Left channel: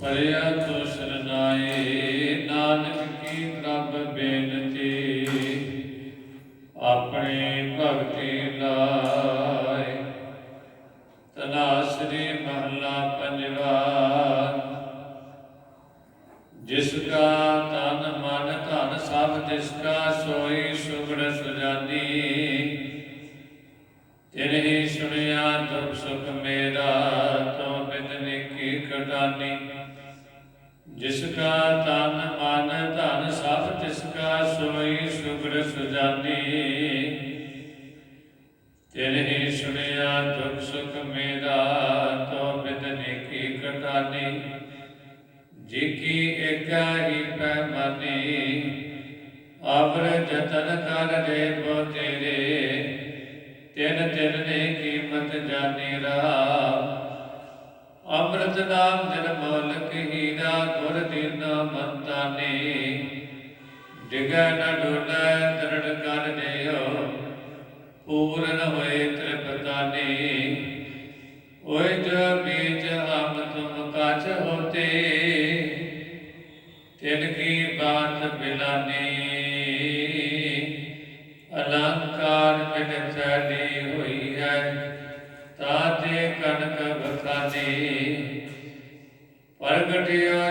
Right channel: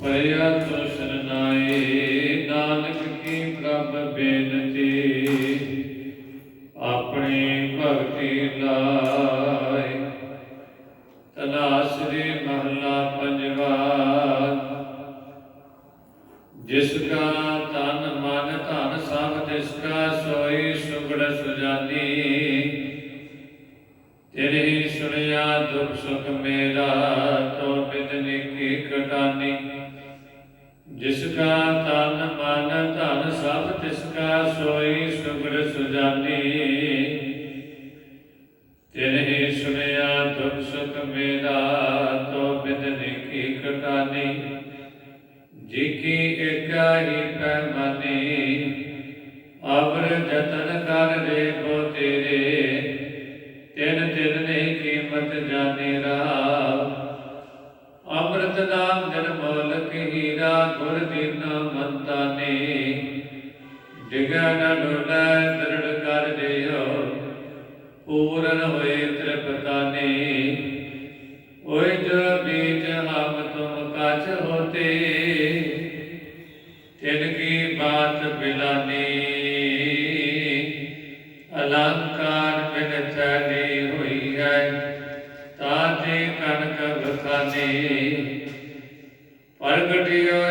ਪਰਿਆ ਤੋ ਸ਼ਰਨਾਏ, ਨਾਨਕ ਕੀ ਪ੍ਰਭ ਬੇਨਤੀ? ਆਪਣੀ ਭਗਤੀ ਲਾਇ। ਤਨਾਸਰੀ ਮਹਲਾ ਪੰਜਵਾ। ਜਿਸ ਕਾ ਤਨ ਮਨ ਧਨ ਸਭ ਤਿਸ ਕਾ ਸੋਈ ਸੁਗੜ ਸੁਜਾਨੀ। ਤੇਰੇ ਹੀ ਸੁਣਿਆ ਦੁਖ ਸੁਖ ਮੇਰਾ। ਜਿਸ ਕਾ ਤਨ ਮਨ ਧਨ ਸਭ ਤਿਸ ਕਾ ਸੋਈ ਸੁਗੜ ਸੁਜਾਨੀ। ਤੇਰੇ ਸੁਣਿਆ ਦੁਖ ਸੁਖ ਮੇਰਾ, ਤੋ ਬਿਦਨੀ ਕੀ ਕਟਾਨੀ। ਜੀ ਕੀ ਏਕਾ ਹੀ ਪੈਮਾਨੀ। ਅਵਰ ਜਤਨ ਕਰ ਰੇ ਬੋ ਤੇਰੇ। ਤਿਨ ਤਿਨ ਨੇ ਕੀਮਤ ਜਾਣੇ ਰਾਮ ਅੰਮ੍ਰਿਤ ਨਾਮ ਗੁਰ ਦੀਨਾ ਮੰਤਾ ਡਿਗੈ ਨ ਡੋਲੈ ਦਰੜ ਕਰ ਦਿਓ ਪੂਰਨ ਹੋਏ ਤ੍ਰਿਪਤਾ ਓਏ ਜੋ ਬੀਜ ਹਮ ਤੁਮ ਕਛ ਹੋਤੇ, ਤਿਨ ਕੀ ਬਾਤ ਬਿਲਾਨੀ। ਅਲੰਕਾਰ ਬਿਨ ਚਲੀ ਹੋਈ ਹੈ ਤਾਤੇ ਕਨਕ ਬਖਾਨੇ ਪ੍ਰਗਟਿਆ